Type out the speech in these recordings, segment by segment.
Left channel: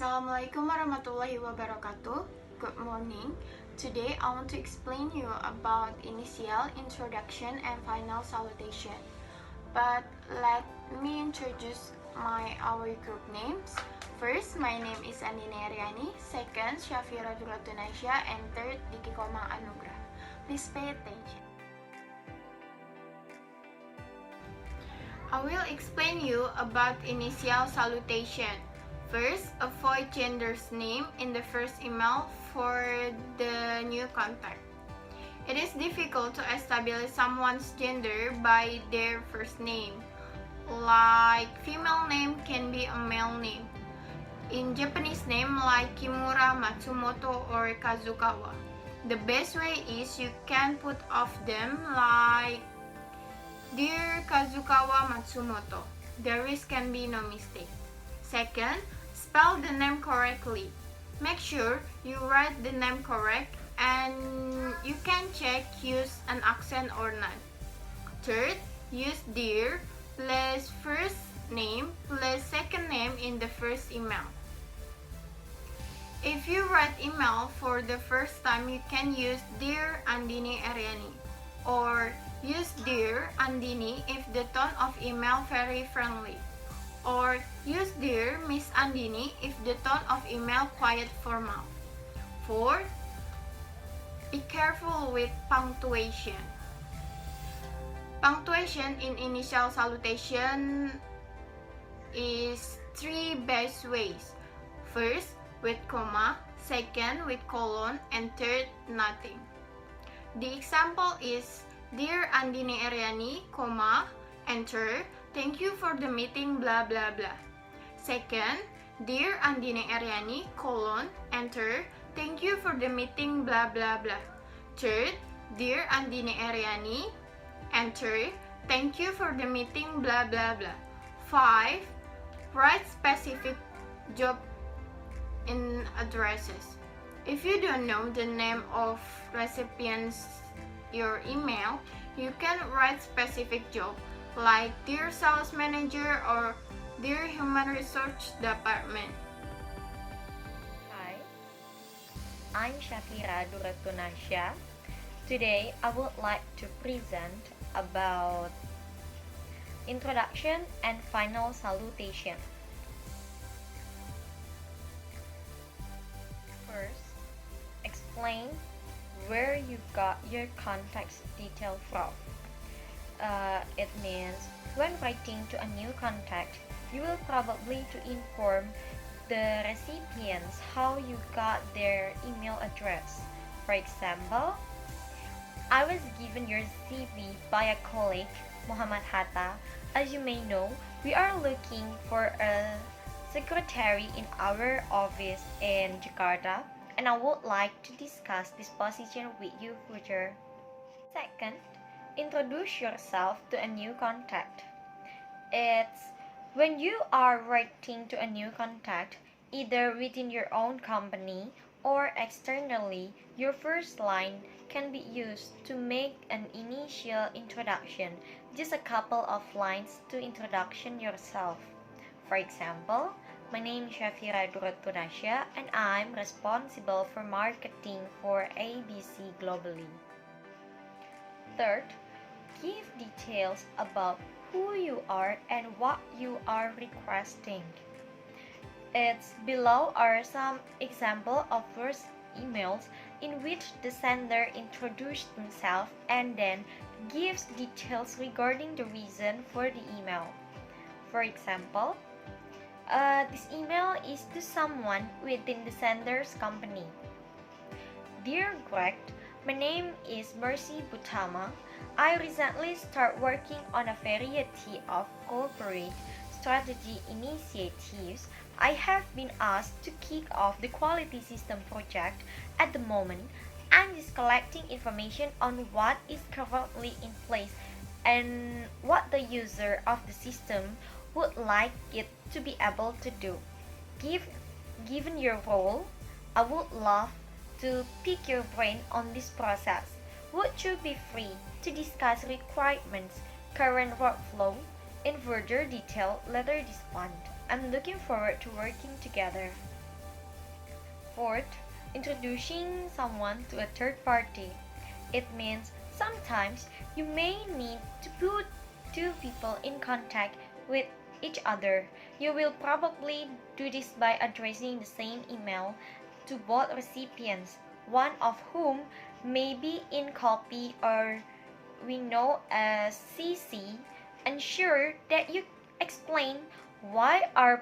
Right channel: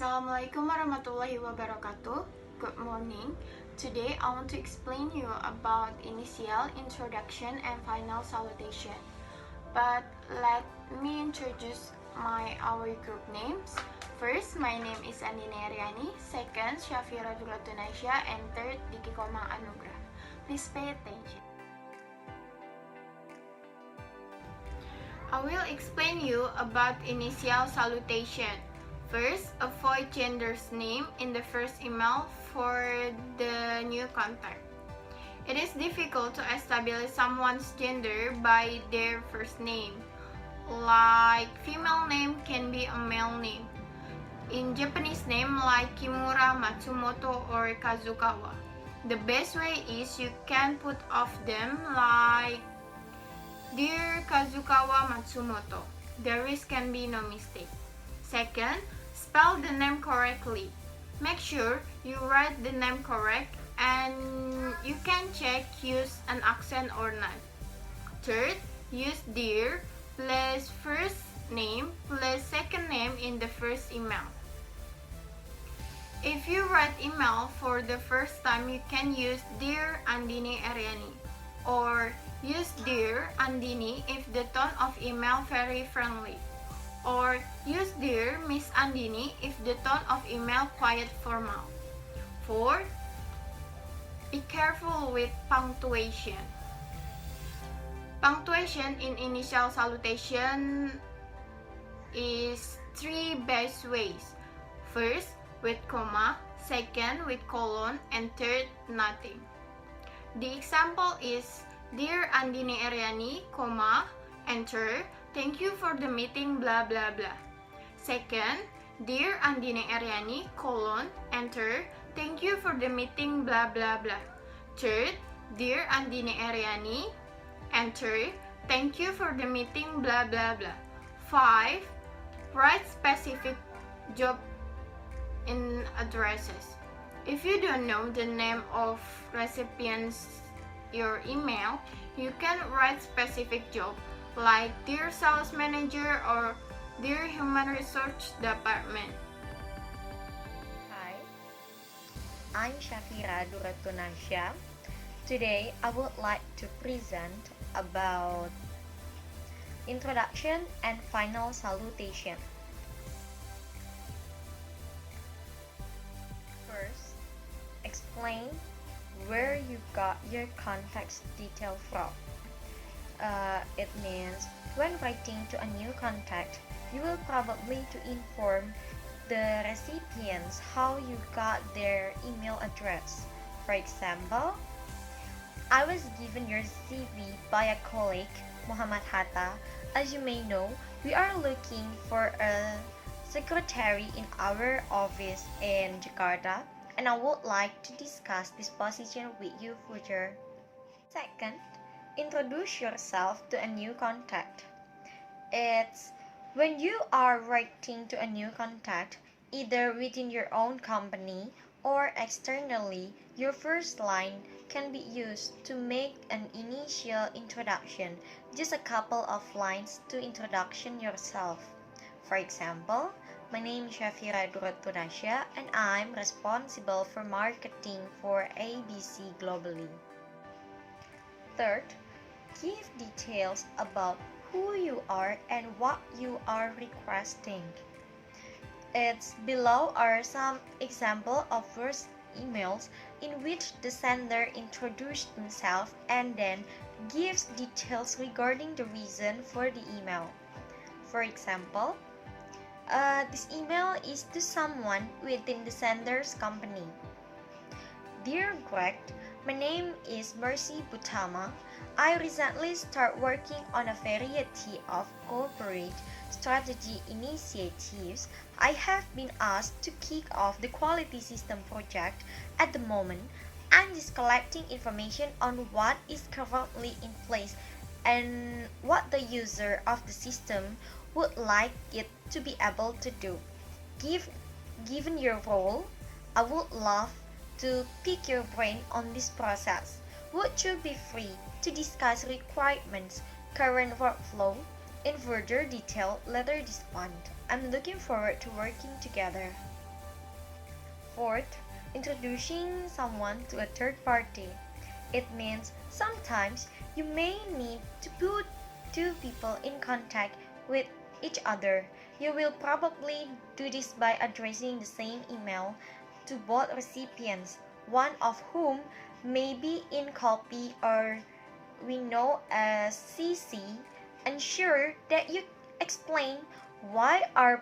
Assalamualaikum warahmatullahi wabarakatuh. Good morning. Today I want to explain you about initial, introduction, and final salutation. But let me introduce our group names. First, my name is Andini Eryani. Second, Syafira D Nasha, and third, Dicky, Komang, Anugrah. Please pay attention. I will explain you about initial salutation. First, avoid gender's name in the first email for the new contact. It is difficult to establish someone's gender by their first name. Like female name can be a male name. In Japanese name like Kimura, Matsumoto, or Kazukawa. The best way is you can put of them like Dear Kazukawa Matsumoto. There can be no mistake. Second, spell the name correctly. Make sure you write the name correct and you can check use an accent or not. Third, use dear plus first name plus second name in the first email. If you write email for the first time, you can use Dear Andini Eryani or use Dear Andini if the tone of email very friendly. Or use Dear Miss Andini if the tone of email quite formal. 4. Be careful with punctuation. Punctuation in initial salutation is 3 best ways. First, with comma, second, with colon, and third, nothing. The example is Dear Andini Eryani, comma, enter. Thank you for the meeting, blah blah blah. Second, Dear Andini Eryani, colon, enter. Thank you for the meeting, blah blah blah. Third, Dear Andini Eryani, enter. Thank you for the meeting, blah blah blah. 5. Write specific job in addresses. If you don't know the name of recipients your email, you can write specific job like Dear Sales Manager or Dear Human Resource Department. Hi, I'm Syafira D Nasha. Today I would like to present about Introduction and Final Salutation. First, explain where you got your contact detail from. It means when writing to a new contact, you will probably to inform the recipients how you got their email address. For example, I was given your CV by a colleague, Muhammad Hatta. As you may know, we are looking for a secretary in our office in Jakarta, and I would like to discuss this position with you further. Second, introduce yourself to a new contact. It's when you are writing to a new contact, either within your own company or externally, your first line can be used to make an initial introduction, just a couple of lines to introduction yourself. For example, my name is Syafira D Nasha and I'm responsible for marketing for ABC globally. Third, give details about who you are and what you are requesting. It's below are some example of first emails in which the sender introduced themselves and then gives details regarding the reason for the email. For example, this email is to someone within the sender's company. Dear Greg, my name is Mercy Butama. I recently started working on a variety of corporate strategy initiatives. I have been asked to kick off the quality system project at the moment. I'm just collecting information on what is currently in place and what the user of the system would like it to be able to do. Given your role, I would love to pick your brain on this process. Would you be free to discuss requirements, current workflow, in further detail later this month? I'm looking forward to working together. Fourth, introducing someone to a third party. It means sometimes you may need to put two people in contact with each other. You will probably do this by addressing the same email to both recipients, one of whom may be in copy or we know as CC. Ensure that you explain why are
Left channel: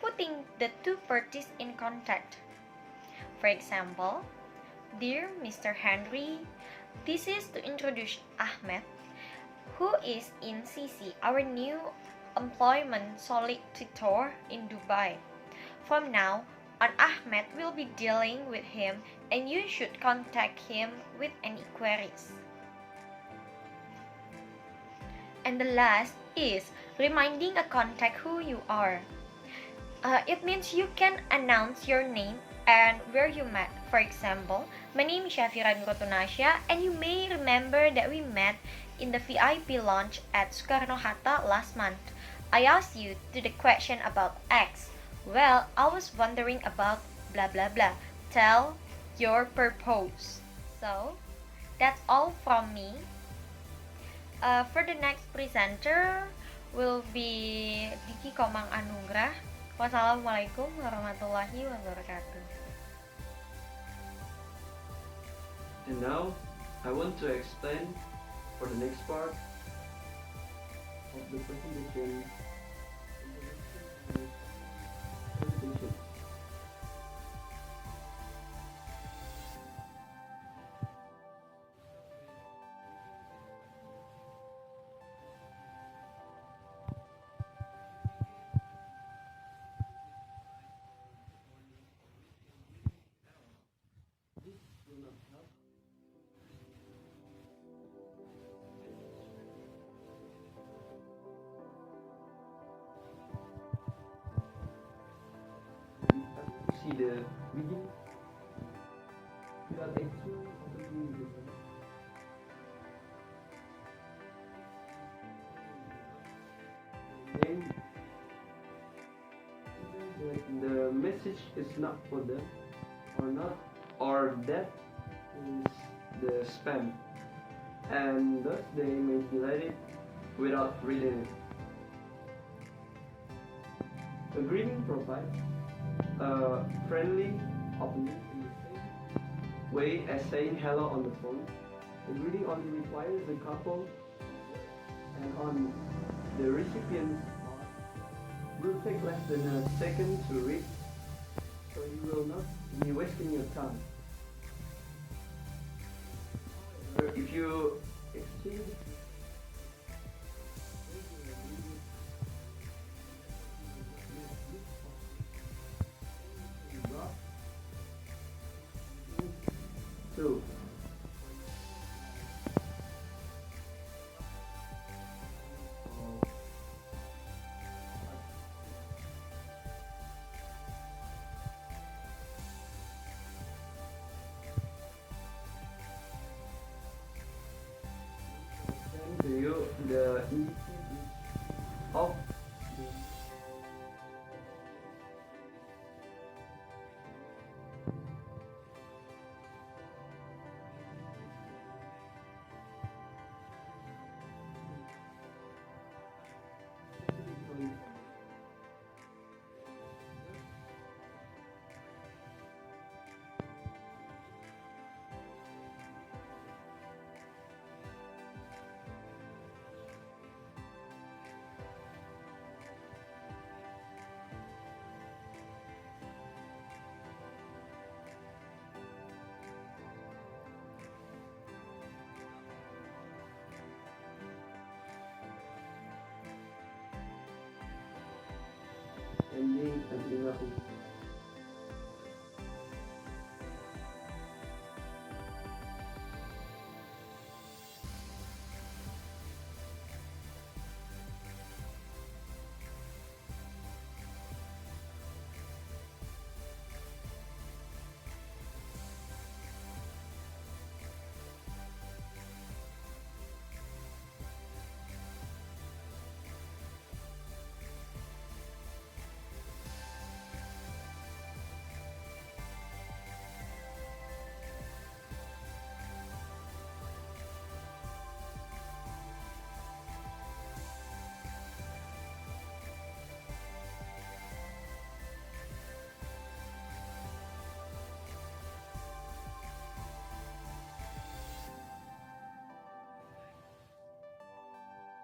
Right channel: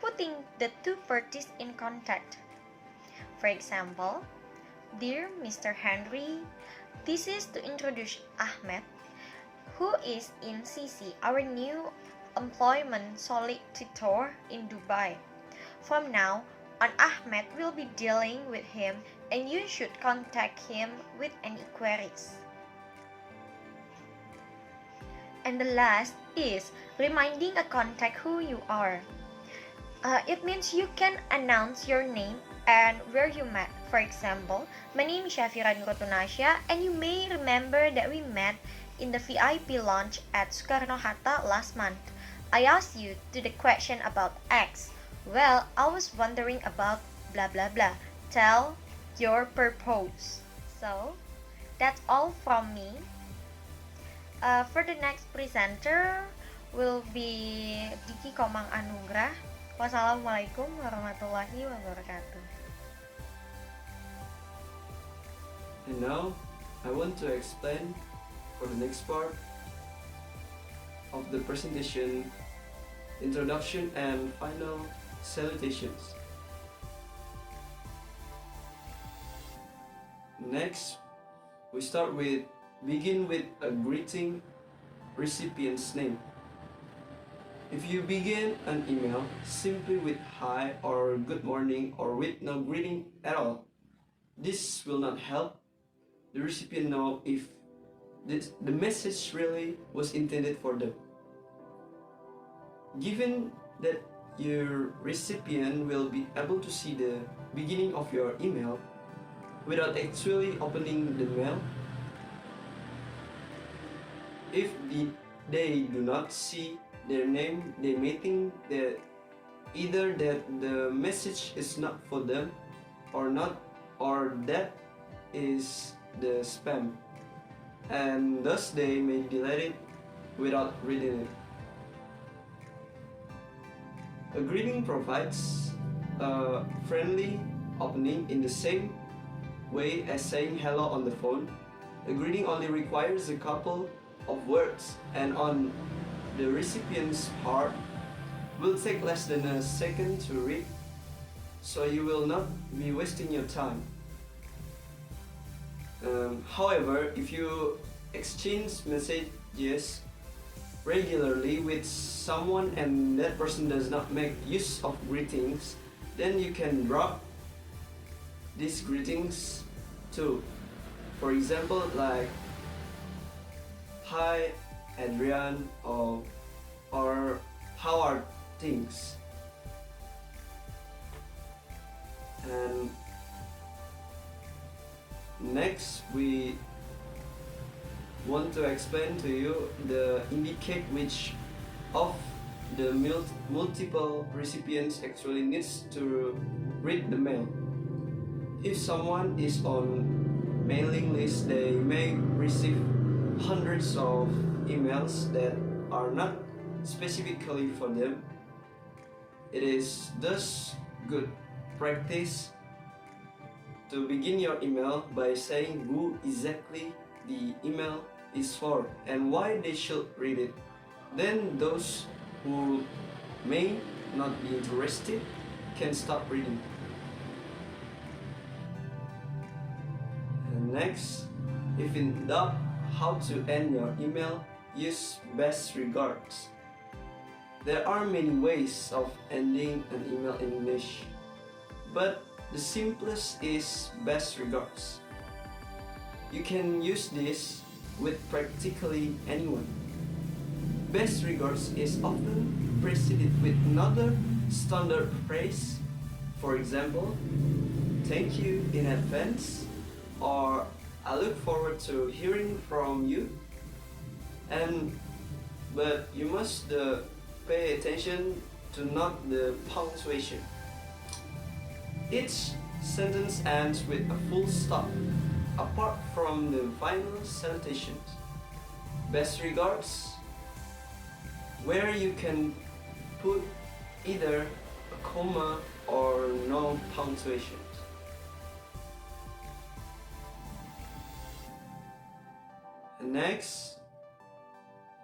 putting the two parties in contact. For example, Dear Mr. Henry, this is to introduce Ahmed, who is in CC, our new employment solicitor in Dubai. From now on, Ahmed will be dealing with him and you should contact him with any queries. And the last is reminding a contact who you are. It means you can announce your name and where you met. For example, my name is Syafira D Nasha, and you may remember that we met in the VIP lounge at Soekarno-Hatta last month. I asked you to the question about X. Well, I was wondering about blah blah blah. Tell your purpose. So, that's all from me. For the next presenter will be Dicky Komang Anugrah. Wassalamualaikum warahmatullahi wabarakatuh. And now, I want to explain for the next part of the presentation, Introduction and Final Salutations. Next, we begin with a greeting recipient's name. If you begin an email simply with hi or good morning or with no greeting at all, this will not help the recipient know if the message really was intended for them. Given that your recipient will be able to see the beginning of your email without actually opening the mail, if they do not see their name, they may think that either that the message is not for them or that is the spam, and thus they may delete it without reading it. A greeting provides a friendly opening in the same way as saying hello on the phone. A greeting only requires a couple of words, and on the recipient's part will take less than a second to read, so you will not be wasting your time. However, if you exchange messages regularly with someone and that person does not make use of greetings, then you can drop these greetings too. For example, like hi Adrian or how are things? And next we want to explain to you the indicate which of the multiple recipients actually needs to read the mail. If someone is on mailing list, they may receive hundreds of emails that are not specifically for them. It is thus good practice to begin your email by saying who exactly the email is for and why they should read it. Then those who may not be interested can stop reading. And next, if in doubt how to end your email, use best regards. There are many ways of ending an email in English, but the simplest is best regards. You can use this with practically anyone. Best regards is often preceded with another standard phrase. For example, thank you in advance, or I look forward to hearing from you. But you must pay attention to not the punctuation. Each sentence ends with a full stop, apart from the final salutations. Best regards, where you can put either a comma or no punctuation. And next,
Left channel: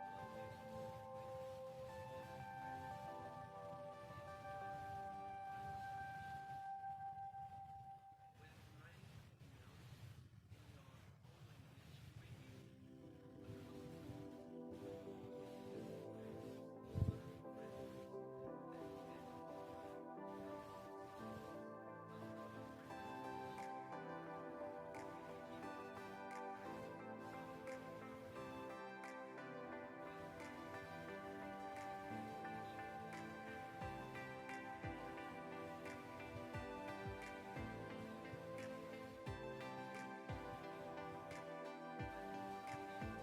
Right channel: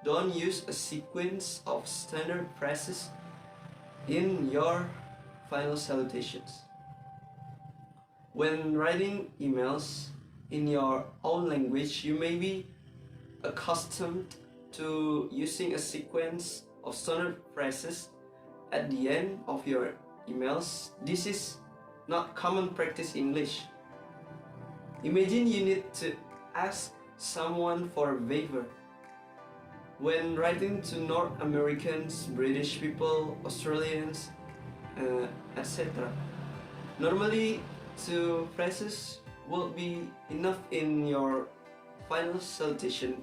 don't use a sequence of standard phrases in your final salutations. When writing emails in your own language, you may be accustomed to using a sequence of standard phrases at the end of your emails. This is not common practice in English. Imagine you need to ask someone for a favor. When writing to North Americans, British people, Australians, etc. Normally, two phrases will be enough in your final salutation.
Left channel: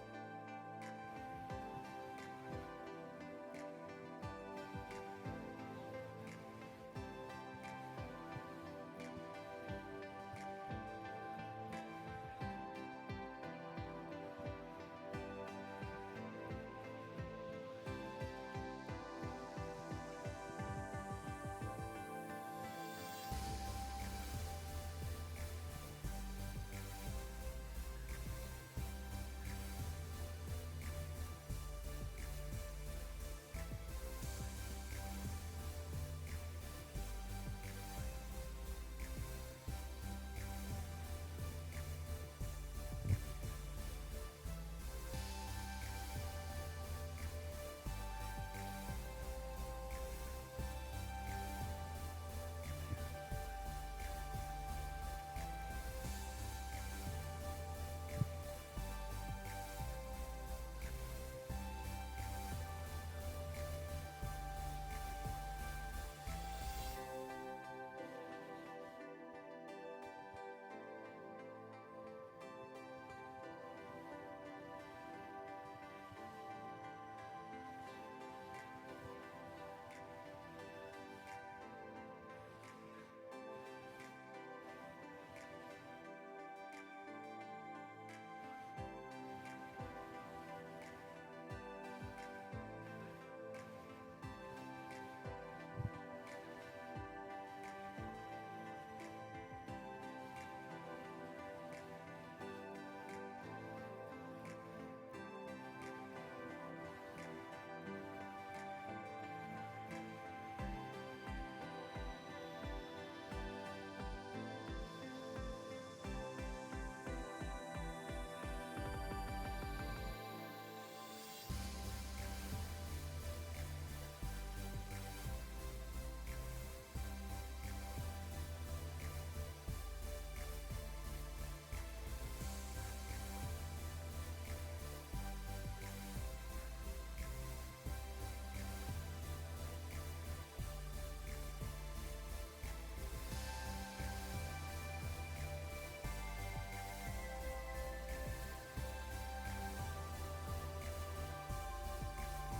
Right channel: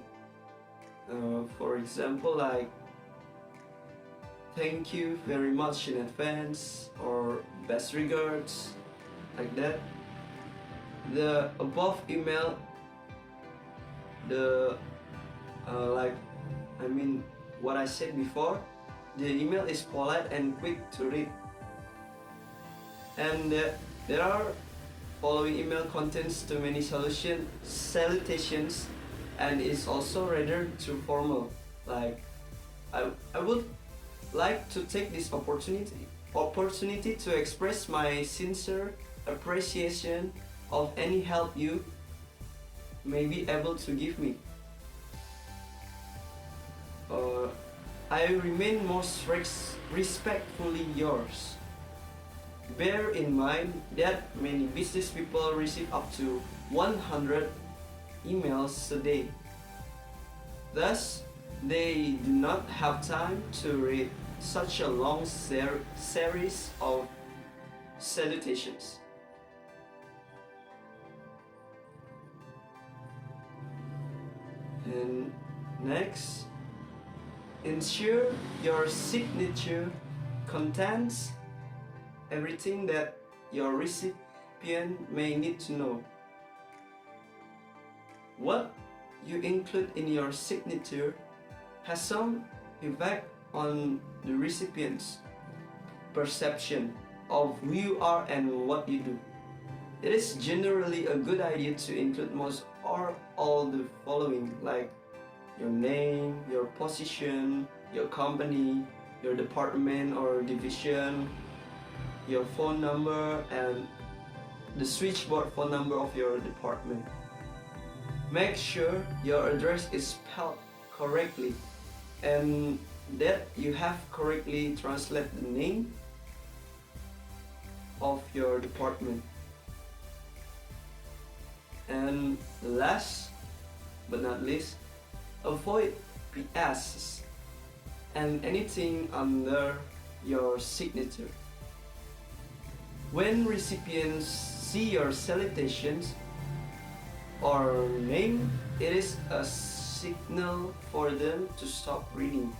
For example, like thank you very much in advance or best regards, like that. The above email, what I said before, the email is polite and quick to read. And there are following email contains too many salutations and is also rather too formal. Like I would like to take this opportunity to express my sincere appreciation of any help you may be able to give me. I remain most respectfully yours. Bear in mind that many business people receive up to 100 emails a day. Thus, they do not have time to read such a long series of salutations. And next, ensure your signature contains everything that your recipient may need to know. What you include in your signature has some effect on the recipient's perception of who you are and what you do. It is generally a good idea to include most or all the following, like your name, your position, your company, your department or division, your phone number, and the switchboard phone number of your department. Make sure your address is spelled correctly and that you have correctly translated the name of your department. And last but not least, avoid PSs and anything under your signature. When recipients see your salutations or name, it is a signal for them to stop reading.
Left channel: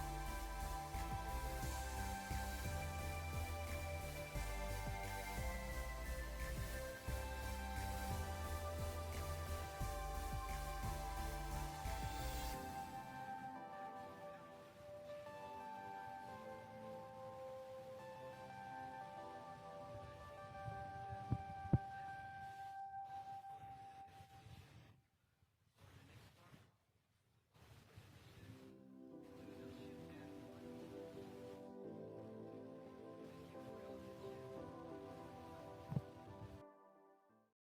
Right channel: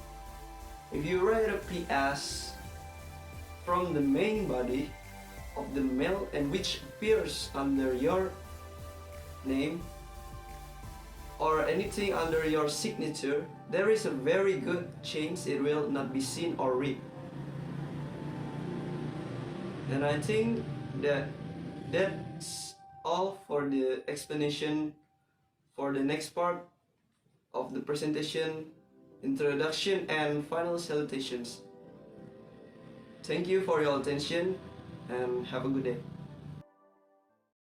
If you write a PS from the main body of the mail and which appears under your name or anything under your signature, there is a very good chance it will not be seen or read. And I think that's all for the explanation for the next part of the presentation, introduction and final salutations. Thank you for your attention and have a good day.